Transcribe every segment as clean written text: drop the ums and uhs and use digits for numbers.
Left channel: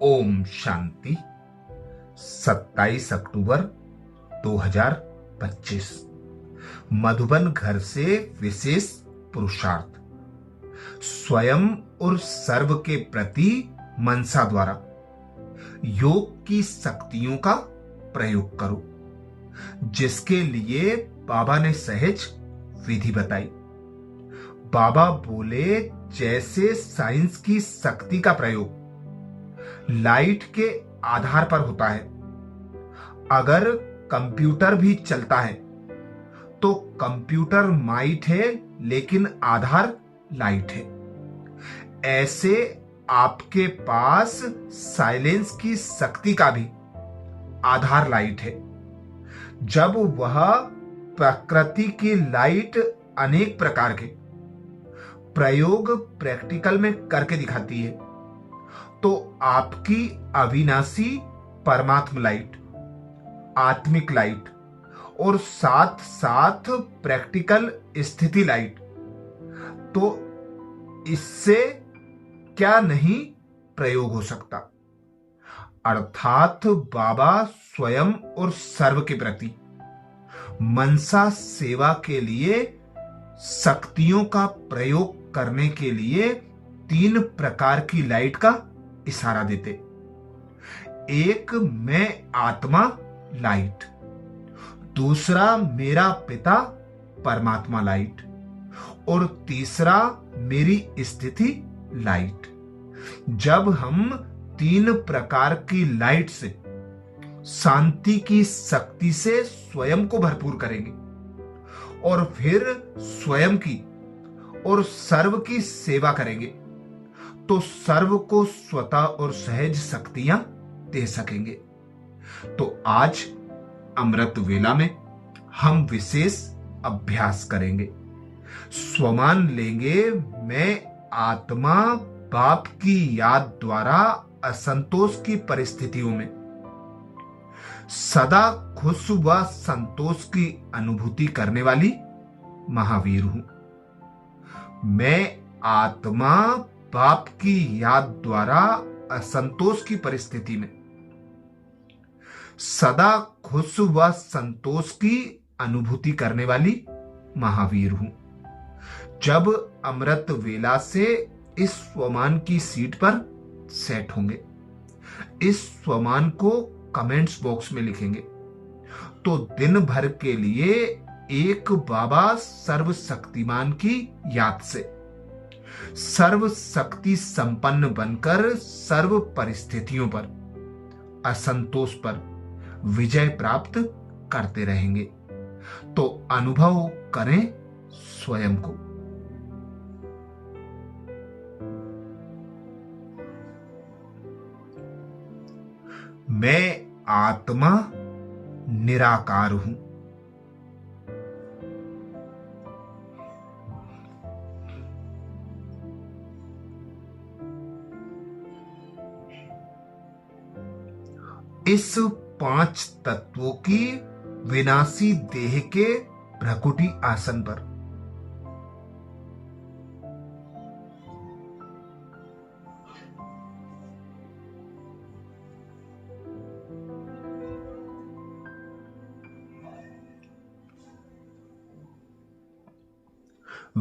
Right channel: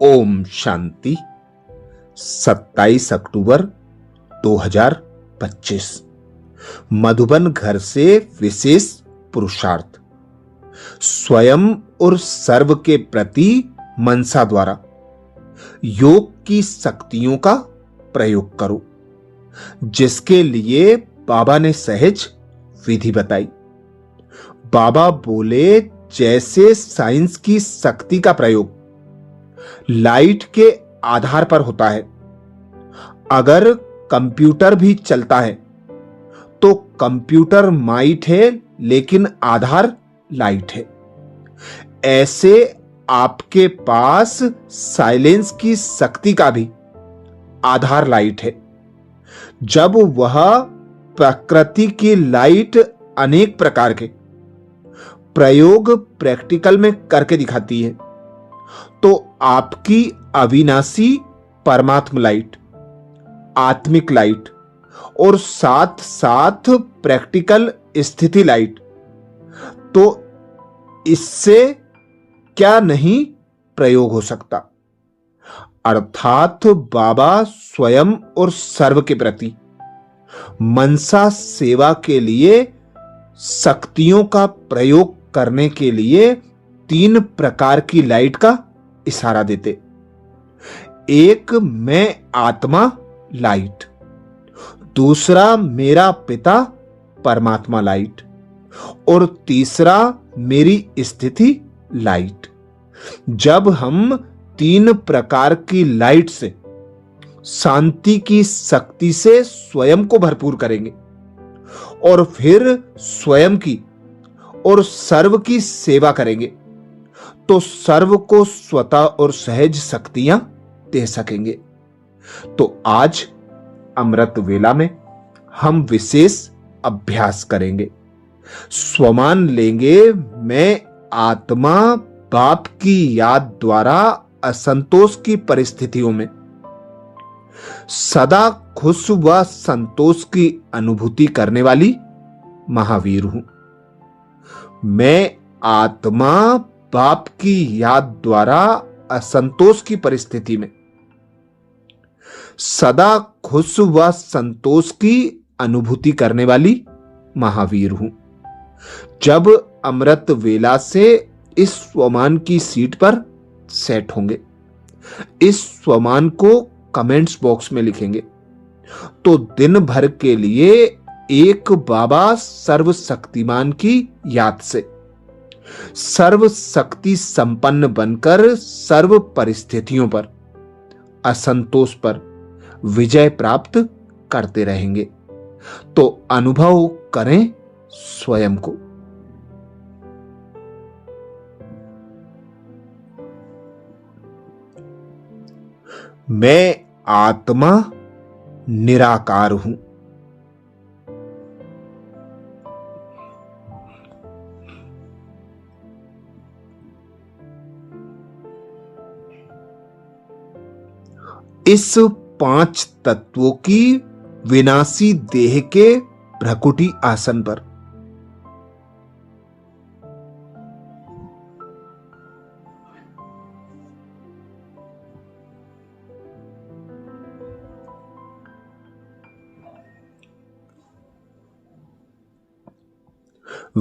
ओम शांति। 27 अक्टूबर 2025। मधुबन घर से विशेष पुरुषार्थ। स्वयं और सर्व के प्रति मनसा द्वारा योग की शक्तियों का प्रयोग करो, जिसके लिए बाबा ने सहज विधि बताई। बाबा बोले, जैसे साइंस की शक्ति का प्रयोग लाइट के आधार पर होता है, अगर कंप्यूटर भी चलता है तो कंप्यूटर माइट है लेकिन आधार लाइट है। ऐसे आपके पास साइलेंस की शक्ति का भी आधार लाइट है। जब वह प्रकृति की लाइट अनेक प्रकार के प्रयोग प्रैक्टिकल में करके दिखाती है, तो आपकी अविनाशी परमात्म लाइट, आत्मिक लाइट और साथ साथ प्रैक्टिकल स्थिति लाइट, तो इससे क्या नहीं प्रयोग हो सकता। अर्थात बाबा स्वयं और सर्व के प्रति मनसा सेवा के लिए शक्तियों का प्रयोग करने के लिए 3 प्रकार की लाइट का इशारा देते। एक, मैं आत्मा लाइट। दूसरा, मेरा पिता परमात्मा लाइट। और तीसरा, मेरी स्थिति लाइट। जब हम 3 प्रकार की लाइट से शांति की शक्ति से स्वयं को भरपूर करेंगे और फिर स्वयं की और सर्व की सेवा करेंगे, तो सर्व को स्वतः और सहज शक्तियां दे सकेंगे। तो आज अमृत वेला में हम विशेष अभ्यास करेंगे। स्वमान लेंगे, मैं आत्मा बाप की याद द्वारा असंतोष की परिस्थितियों में सदा खुश व संतोष की अनुभूति करने वाली महावीर हूं। मैं आत्मा बाप की याद द्वारा असंतोष की परिस्थिति में सदा खुश व संतोष की अनुभूति करने वाली महावीर हूं। जब अमृत वेला से इस स्वमान की सीट पर सेट होंगे, इस स्वमान को कमेंट्स बॉक्स में लिखेंगे, तो दिन भर के लिए एक बाबा सर्वशक्तिमान की याद से सर्व शक्ति संपन्न बनकर सर्व परिस्थितियों पर असंतोष पर विजय प्राप्त करते रहेंगे। तो अनुभव करें स्वयं को। मैं आत्मा निराकार हूं। इस 5 तत्वों की विनाशी देह के भ्रकुटी आसन पर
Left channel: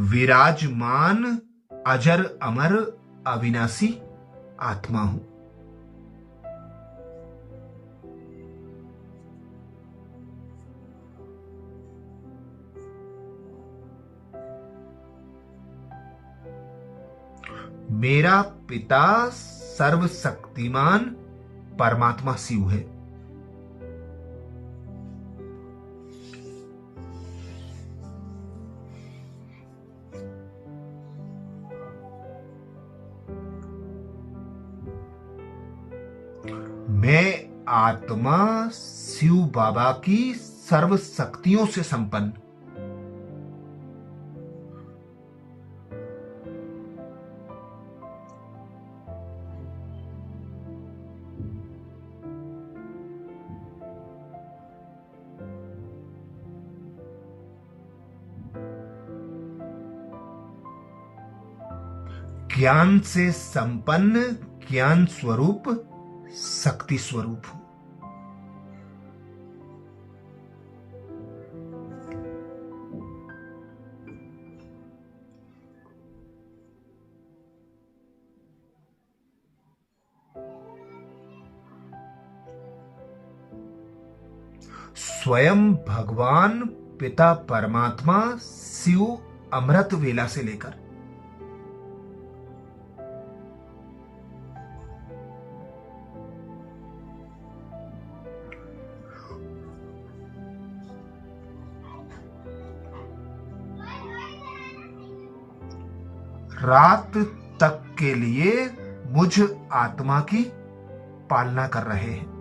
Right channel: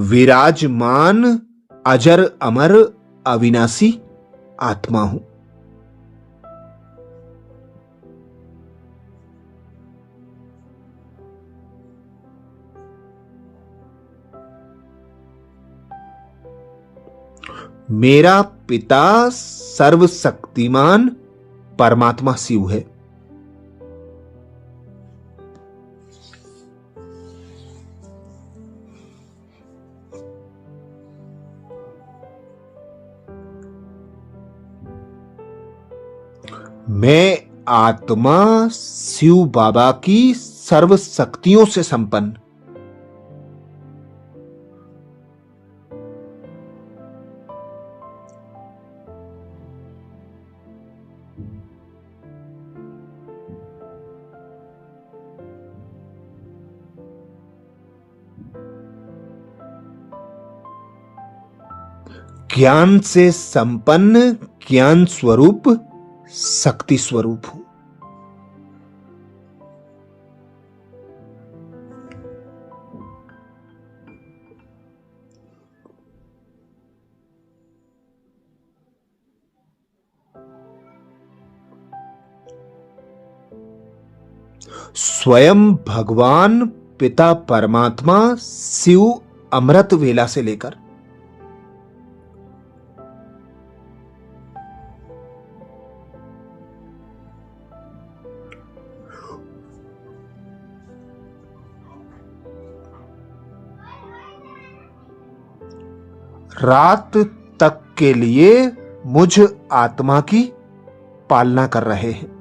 विराजमान अजर अमर अविनाशी आत्मा हूं। मेरा पिता सर्वशक्तिमान परमात्मा शिव है। मैं आत्मा शिव बाबा की सर्व शक्तियों से संपन्न ज्ञान से संपन्न ज्ञान स्वरूप शक्ति स्वरूप हूं। स्वयं भगवान पिता परमात्मा शिव अमृत वेला से लेकर रात तक के लिए मुझ आत्मा की पालना कर रहे हैं।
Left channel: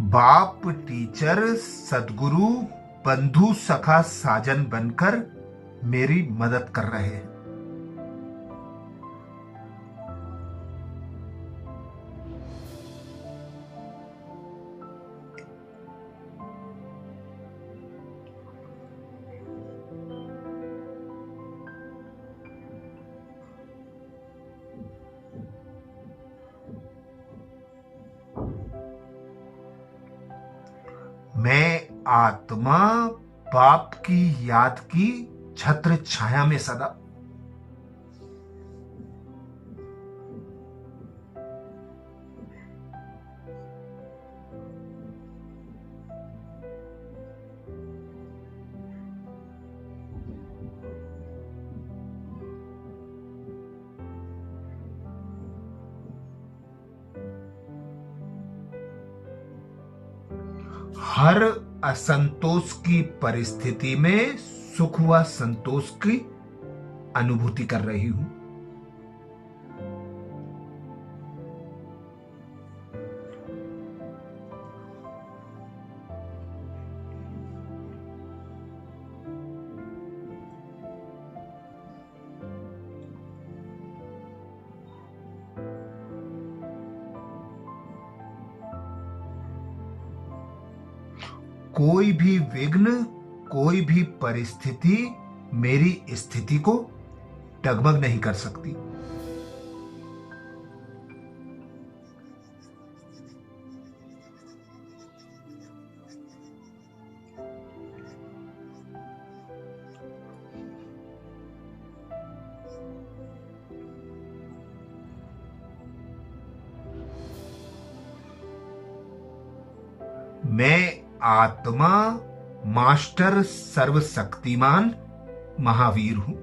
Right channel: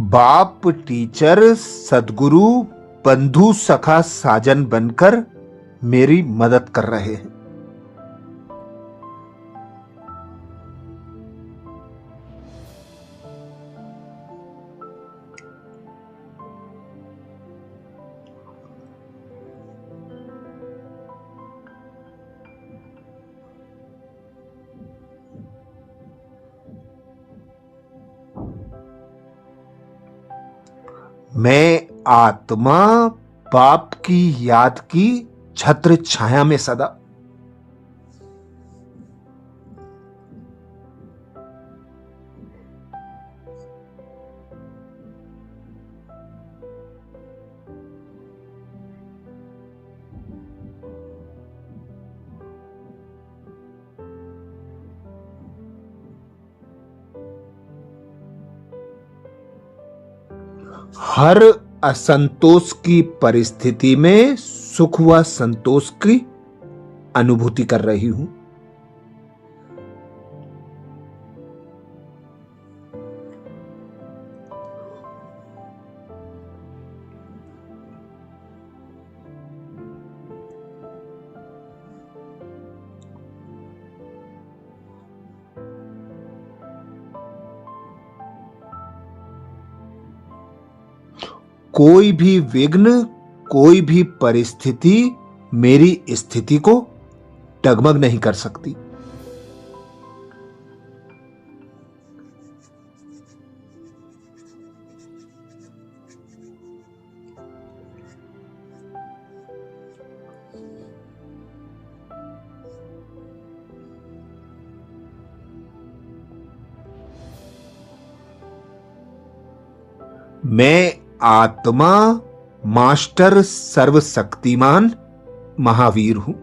बाप, टीचर, सदगुरु, बंधु, सखा, साजन बनकर मेरी मदद कर रहे हैं। मैं आत्मा बाप की याद की छत्र छाया में सदा। हर असंतोष की परिस्थिति में सुख व संतोष की अनुभूति कर रही हूं। कोई भी विघ्न, कोई भी परिस्थिति मेरी स्थिति को डगमग नहीं कर सकती। मैं आत्मा मास्टर सर्वशक्तिमान महावीर हूं।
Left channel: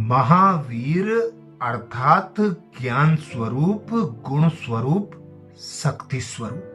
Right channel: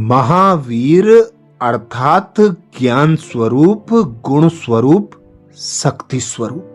महावीर अर्थात ज्ञान स्वरूप, गुण स्वरूप, शक्ति स्वरूप।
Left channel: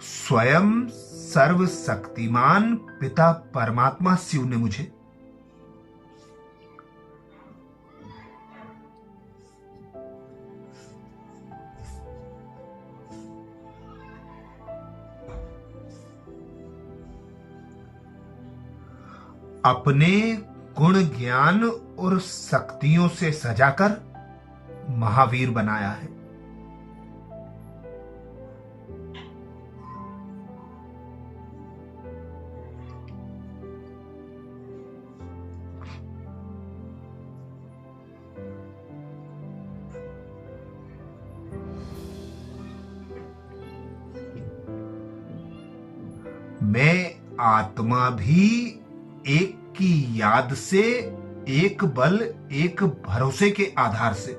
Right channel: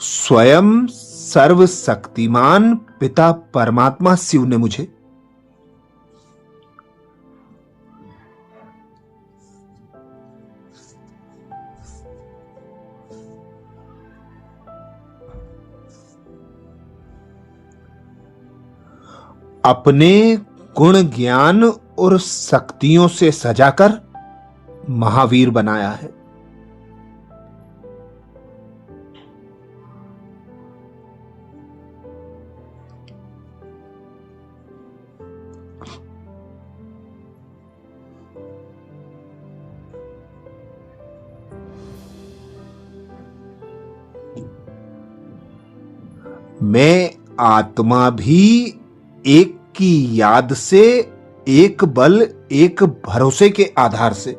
स्वयं सर्वशक्तिमान पिता परमात्मा शिव ने मुझे अपने गुण, ज्ञान और शक्तियों से सजाकर महावीर बनाया है। मैं आत्मा भी एक की याद से, एक बल, एक भरोसे के आधार से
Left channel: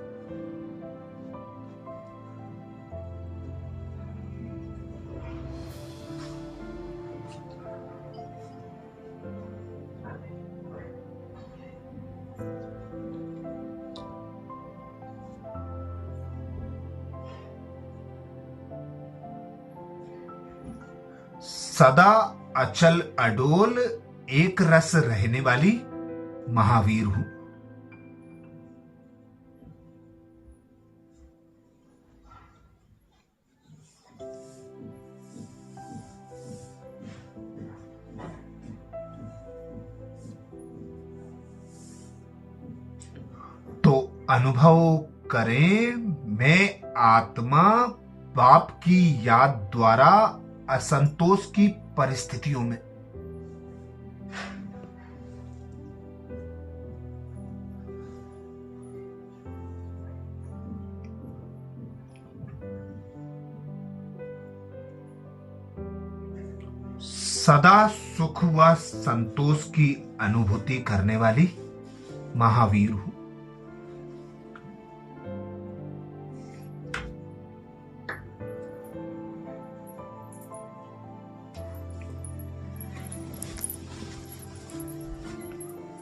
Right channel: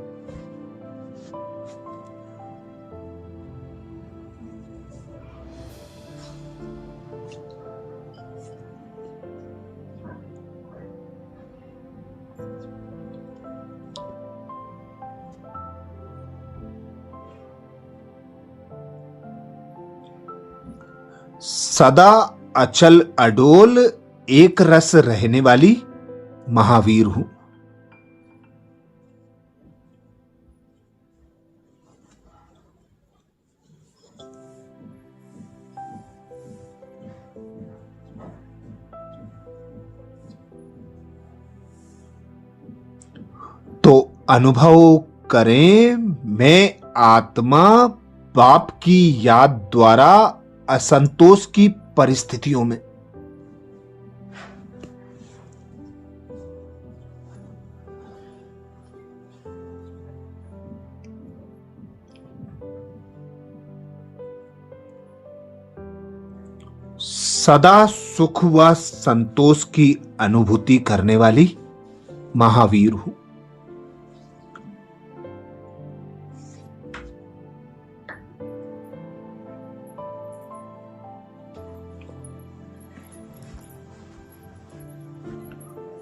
सदा अचल अडोल एक रस रहने वाली महावीर हूं। तो अनुभव करें, मैं आत्मा बाप की याद द्वारा असंतोष की परिस्थितियों में, सदा सुख व संतोष की अनुभूति करने वाली महावीर हूं।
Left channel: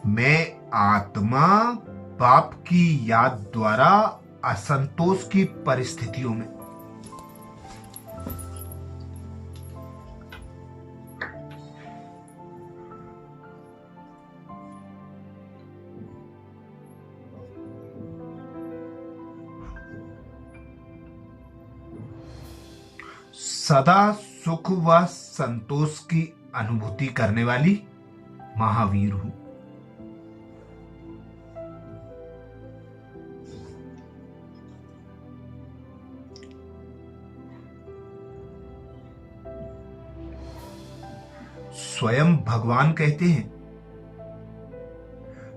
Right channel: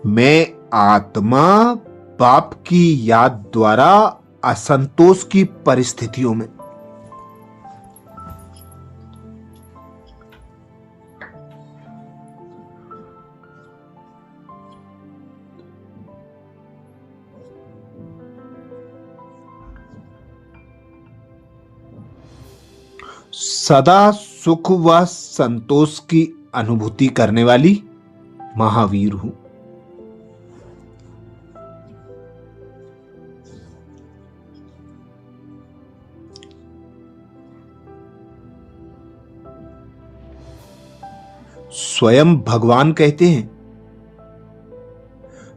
मैं आत्मा बाप की याद द्वारा असंतोष की परिस्थितियों में, सदा सुख व संतोष की अनुभूति करने वाली महावीर हूं। स्वयं भगवान कहते हैं,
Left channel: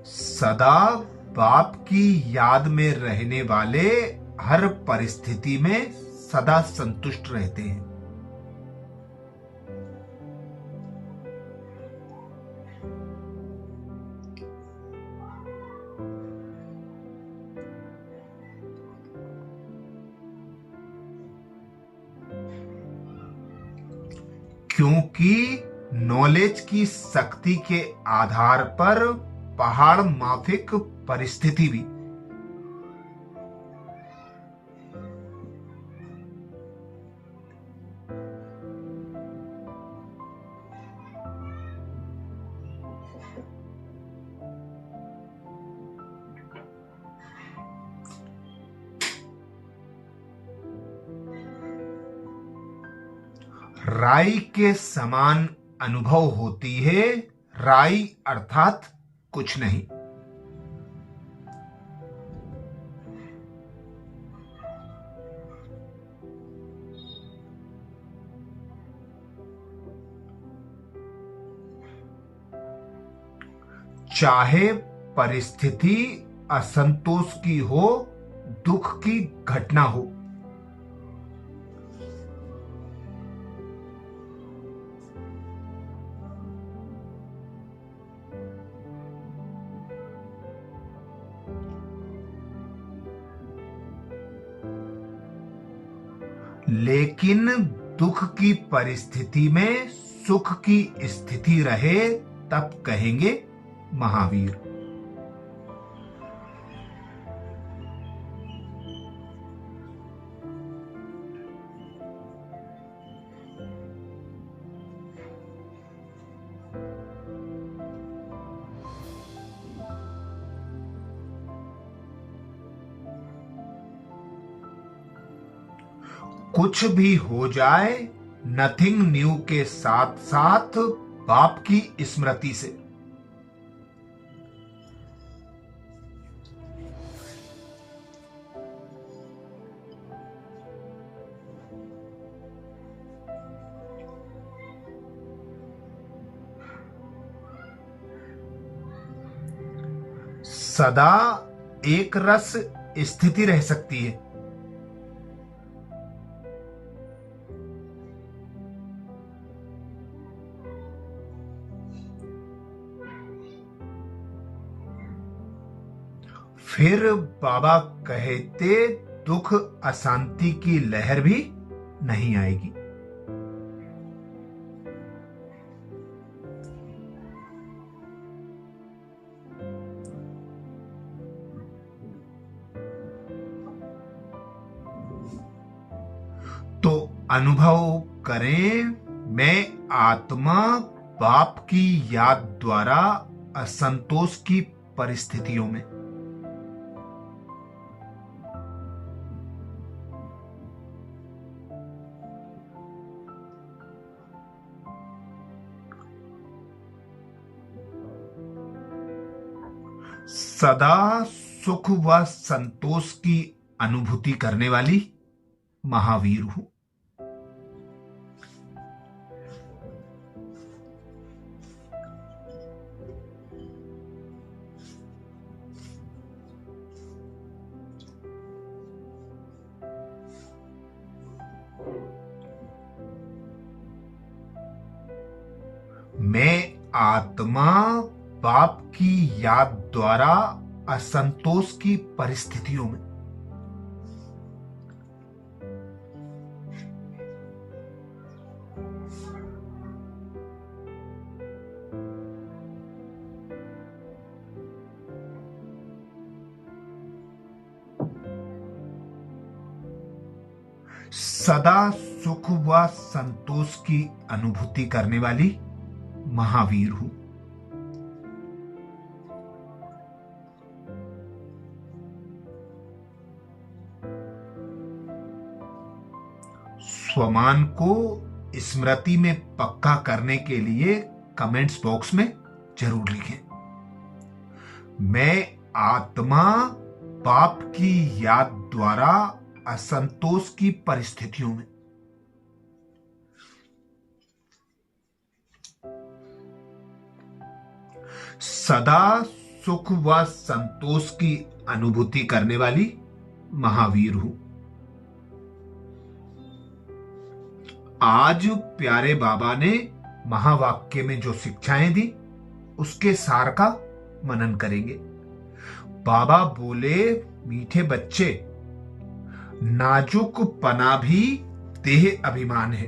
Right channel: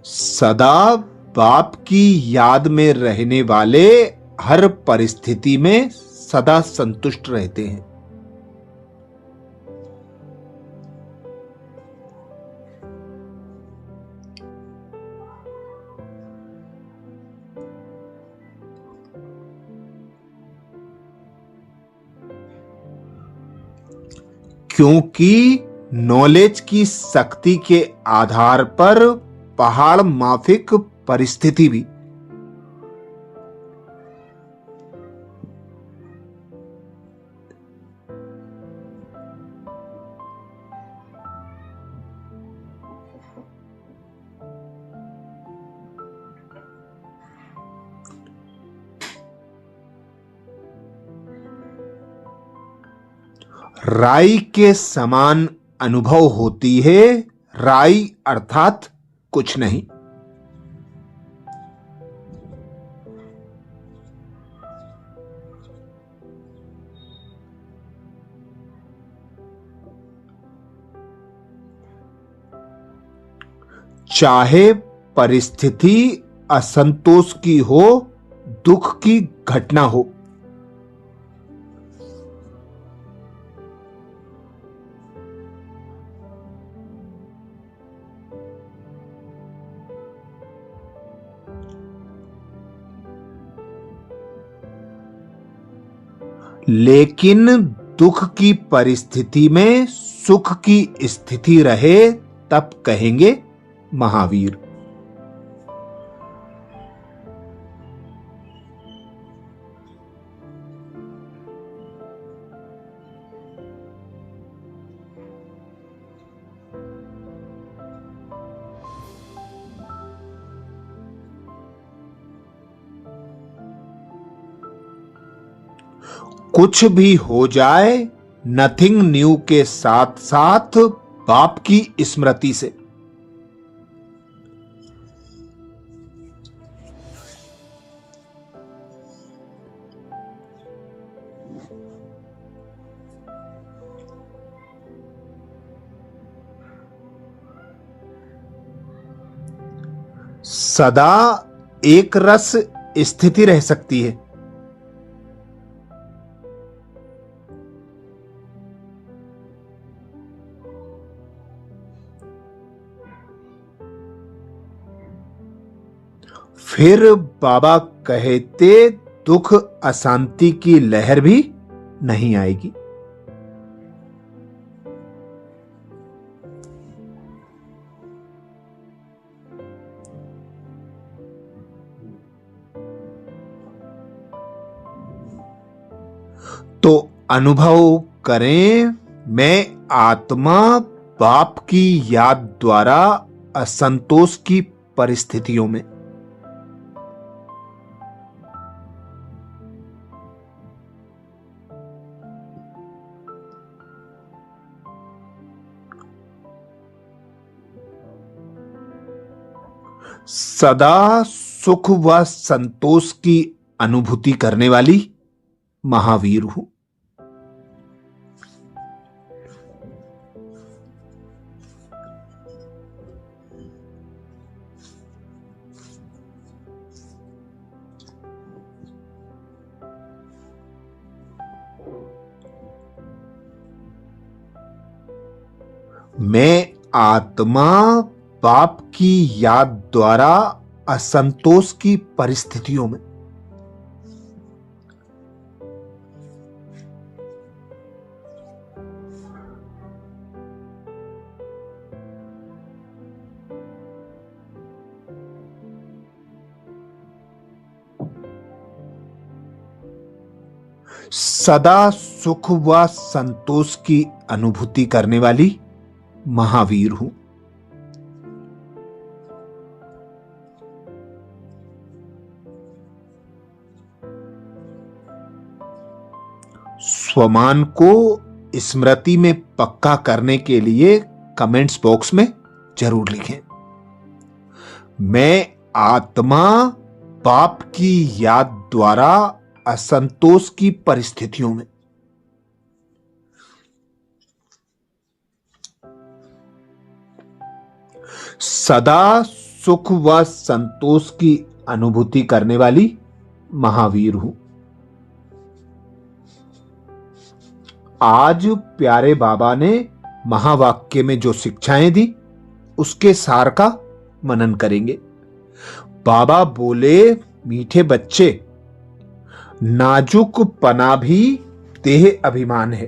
सदा बाप की याद में रहने वाले हर परिस्थिति में सदा संतुष्ट रहते हैं। क्योंकि नॉलेज की शक्ति के आधार पर पहाड़ माफिक परिस्थिति भी, राई के समान अनुभव होती है। राई अर्थात कुछ नहीं। चाहे परिस्थिति असंतोष की हो, दुख की घटना हो, लेकिन दुख की परिस्थिति में सुख की स्थिति रहे तब कहेंगे महावीर। कुछ भी हो जाए, नथिंग न्यू के साथ साथ बाप की स्मृति से सदा एक रस स्थिति रह सकती है। फिर बाबा कहते, दुख अशांति की लहर भी नहीं आएगी। तो अनुभव करें, मैं आत्मा बाप की याद द्वारा असंतोष की परिस्थितियों में। सदा सुख व संतोष की अनुभूति करने वाली महावीर हूं। मैं आत्मा बाप की याद द्वारा असंतोष की परिस्थितियों में। सदा सुख व संतोष की अनुभूति करने वाली महावीर हूं। स्वमान को स्मृति में पक्का करने के लिए कमेंट्स बॉक्स में जरूर लिखें। मैं आत्मा बाप की याद द्वारा असंतोष की परिस्थितियों में। सदा सुख व संतोष की अनुभूति करने वाली महावीर हूं। आज प्यारे बाबा ने महावाक्य में जो शिक्षाएं दी उसके सार का मनन करेंगे। बाबा बोले, मीठे बच्चे, नाजुक पना भी देह अभिमान है।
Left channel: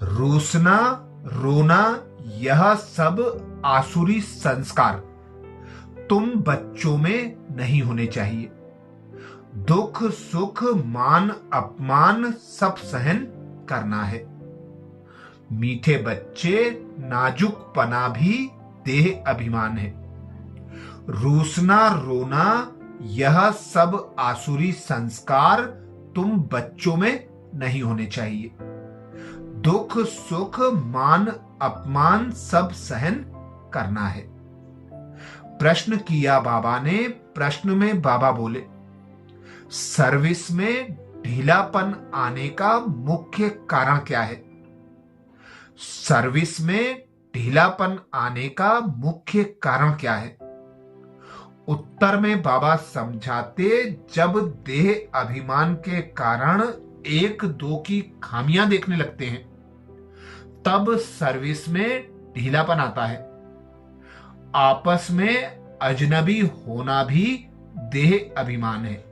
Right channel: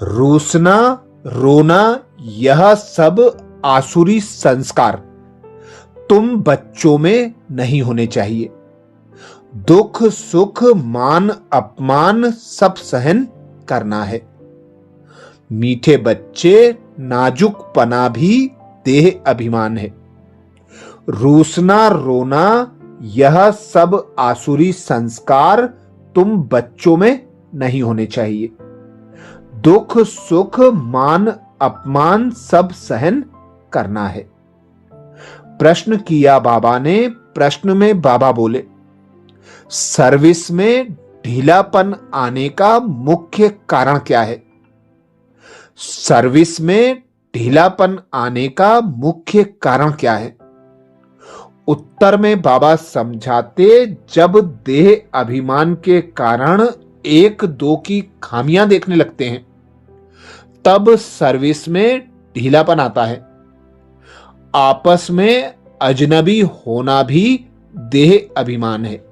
रोसना रोना यह सब आसुरी संस्कार तुम बच्चों में नहीं होने चाहिए। दुख सुख मान अपमान सब सहन करना है। मीठे बच्चे, नाजुक पना भी देह अभिमान है। रोसना रोना यह सब आसुरी संस्कार तुम बच्चों में नहीं होने चाहिए। दुख सुख मान अपमान सब सहन करना है। प्रश्न किया बाबा ने। प्रश्न में बाबा बोले, सर्विस में ढीलापन आने का मुख्य कारण क्या है? सर्विस में ढीलापन आने का मुख्य कारण क्या है? उत्तर में बाबा समझाते, जब देह अभिमान के कारण एक दो की खामियां देखने लगते हैं तब सर्विस में ढीलापन आता है। आपस में अजनबी होना भी देह अभिमान है।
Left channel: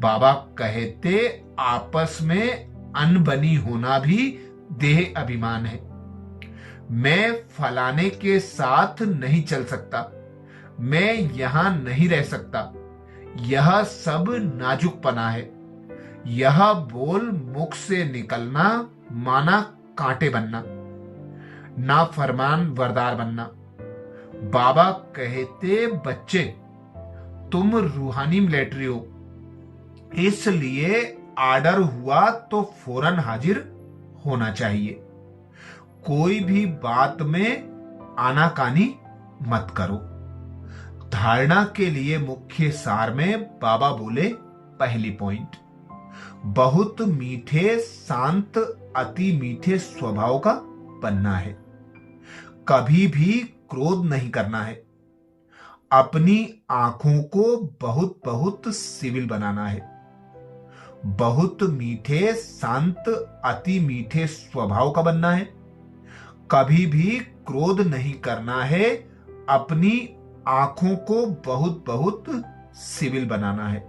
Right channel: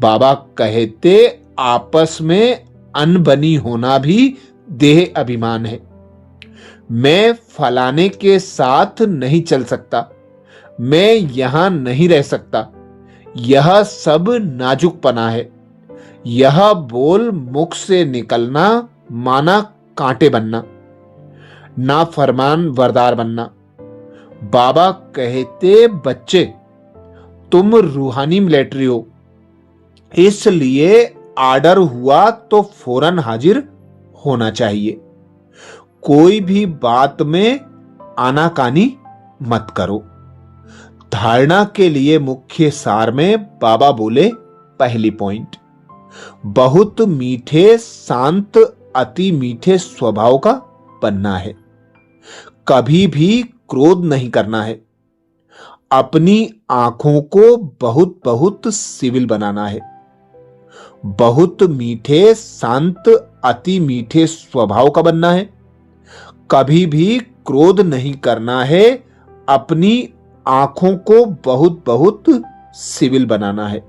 बाबा कहते, आपस में अनबनी होना भी देह अभिमान है। मैं फलाने के साथ नहीं चल सकता, मैं यहां नहीं रह सकता, यह सब नाजुकपना है। यह बोल मुख से निकलना माना कांटे बनना, ना फरमान वरदार बनना। बाबा कहते, बच्चे तुम रूहानी मिलिट्री हो, इसलिए आर्डर हुआ तो फौरन हाजिर होना चाहिए। कोई भी बात में आनाकानी मत करो। धारणा के लिए मुख्य सार में बाबा बोले, पहली पॉइंट, बहुत मीठे शांत अति मीठे स्वभाव का बनना है। कभी भी क्रोध नहीं करना है। अपनी आंखों को बहुत बहुत सिविल बनाना है। बहुत मीठे शांत अति मीठे स्वभाव का बनना है। कभी भी क्रोध नहीं करना है। अपनी आंखों को बहुत बहुत सिविल बनाना है।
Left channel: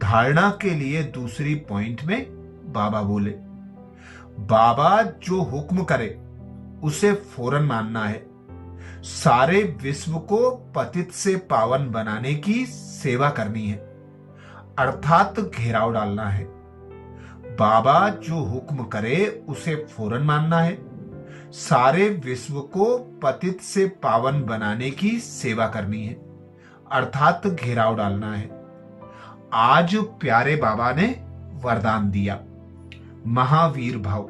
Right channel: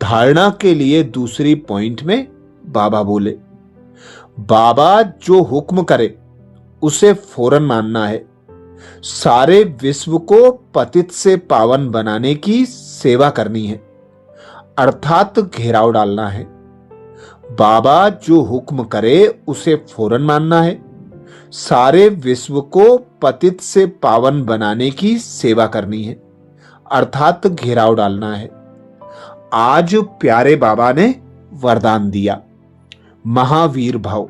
धारणा के लिए दूसरी पॉइंट में बाबा बोले, बाबा जो हुक्म करे उसे फौरन मानना है। सारे विश्व को पतित से पावन बनाने की सेवा करनी है, अर्थात घेराव डालना है। बाबा जो हुक्म करे उसे फौरन मानना है। सारे विश्व को पतित से पावन बनाने की सेवा करनी है, अर्थात घेराव डालना है। आज प्यारे बाबा ने वरदान दिया, महावीर भव,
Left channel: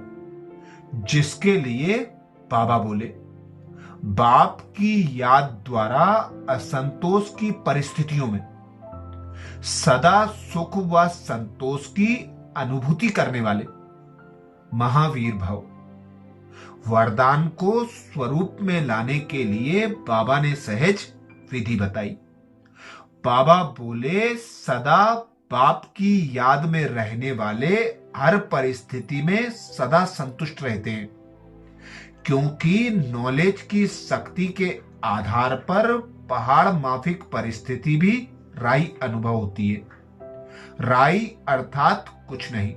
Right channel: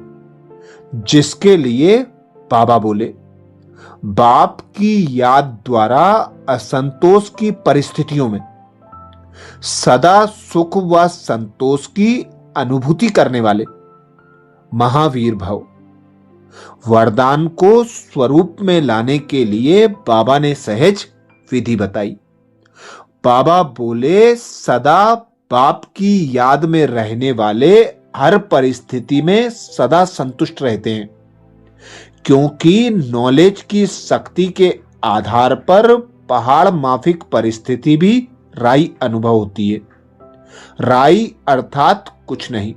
जिसके लिए बाबा बोले, बाप की याद द्वारा असंतोष की परिस्थितियों में सदा सुख व संतोष की अनुभूति करने वाले महावीर भव। वरदान को स्वरूप में लाने के लिए बाबा ने सहज विधि बताई। बाबा बोले, सदा बाप की याद में रहने वाले हर परिस्थिति में सदा संतुष्ट रहते हैं, क्योंकि नॉलेज की शक्ति के आधार पर पहाड़ माफिक परिस्थिति भी राई अनुभव होती है। राई अर्थात कुछ नहीं,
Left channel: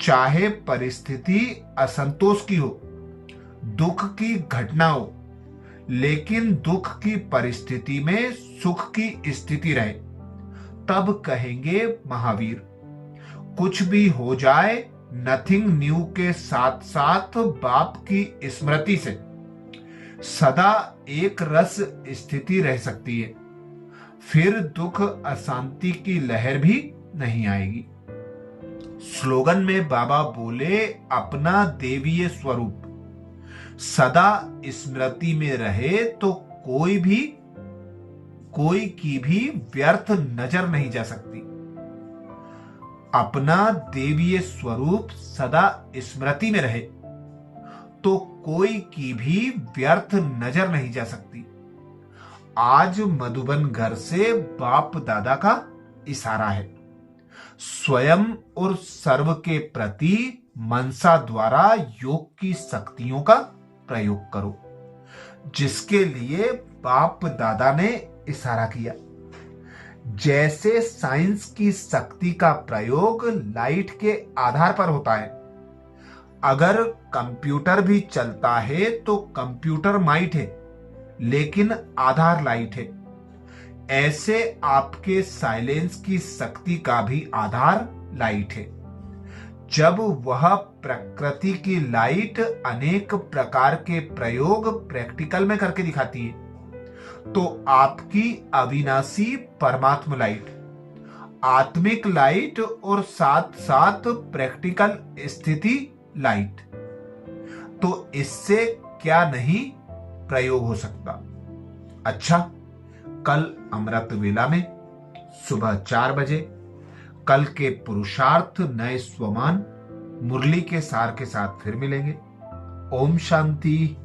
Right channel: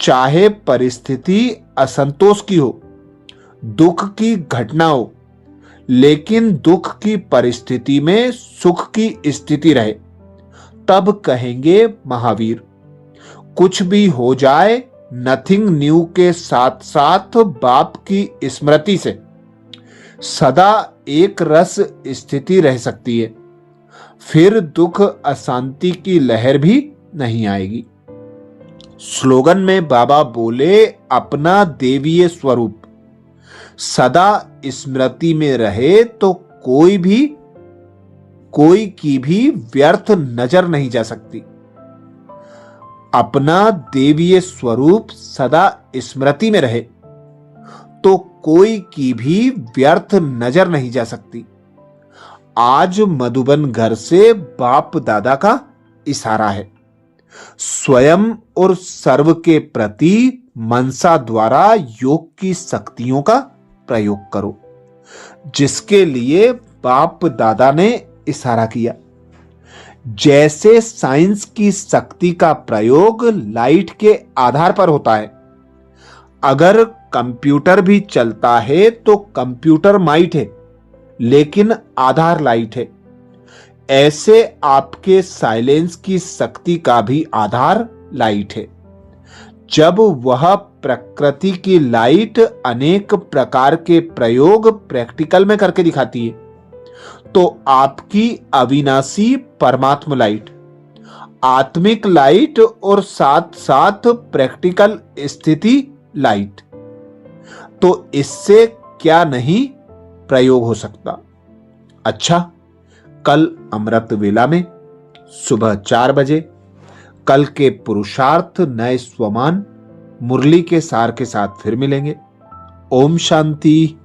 चाहे परिस्थिति असंतोष की हो, दुख की घटना हो, लेकिन दुख की परिस्थिति में सुख की स्थिति रहे, तब कहेंगे महावीर। कुछ भी हो जाए, नथिंग न्यू के साथ साथ बाप की स्मृति से सदा एक रस स्थिति रह सकती है, फिर दुख अशांति की लहर भी नहीं आएगी। स्लोगन में बाबा बोले, अपना देवीय स्वरूप सदा स्मृति में रहे तो कोई की भी व्यर्थ नजर नहीं जा सकती। अपना देवीय स्वरूप सदा स्मृति में रहे तो कोई की भी व्यर्थ नजर नहीं जा सकती। आज मधुबन घर से बाप दादा का इशारा है, स्वयं और सर्व के प्रति मनसा द्वारा योग की शक्तियों का प्रयोग करो, जिसके लिए बाप दादा ने इशारा किया। जैसे साइंस की शक्ति का प्रयोग लाइट के आधार पर होता है, अगर कंप्यूटर भी चलता है तो कंप्यूटर माइट है, लेकिन आधार लाइट है। ऐसे आपके साइलेंस की शक्ति का भी आधार लाइट है। जब वह प्रकृति की लाइट अनेक प्रकार के प्रयोग प्रैक्टिकल में करके दिखाती है, तो आपकी अविनाशी परमात्मा लाइट, आत्मिक लाइट और साथ साथ प्रैक्टिकल स्थिति लाइट, तो इससे क्या नहीं प्रयोग हो सकता। अच्छा, कल अमृत वेला में सुबह 4 बजे कल के पुरुषार्थ नए स्वमान मुरली के सार के साथ फिर मिलेंगे। ओम शांति।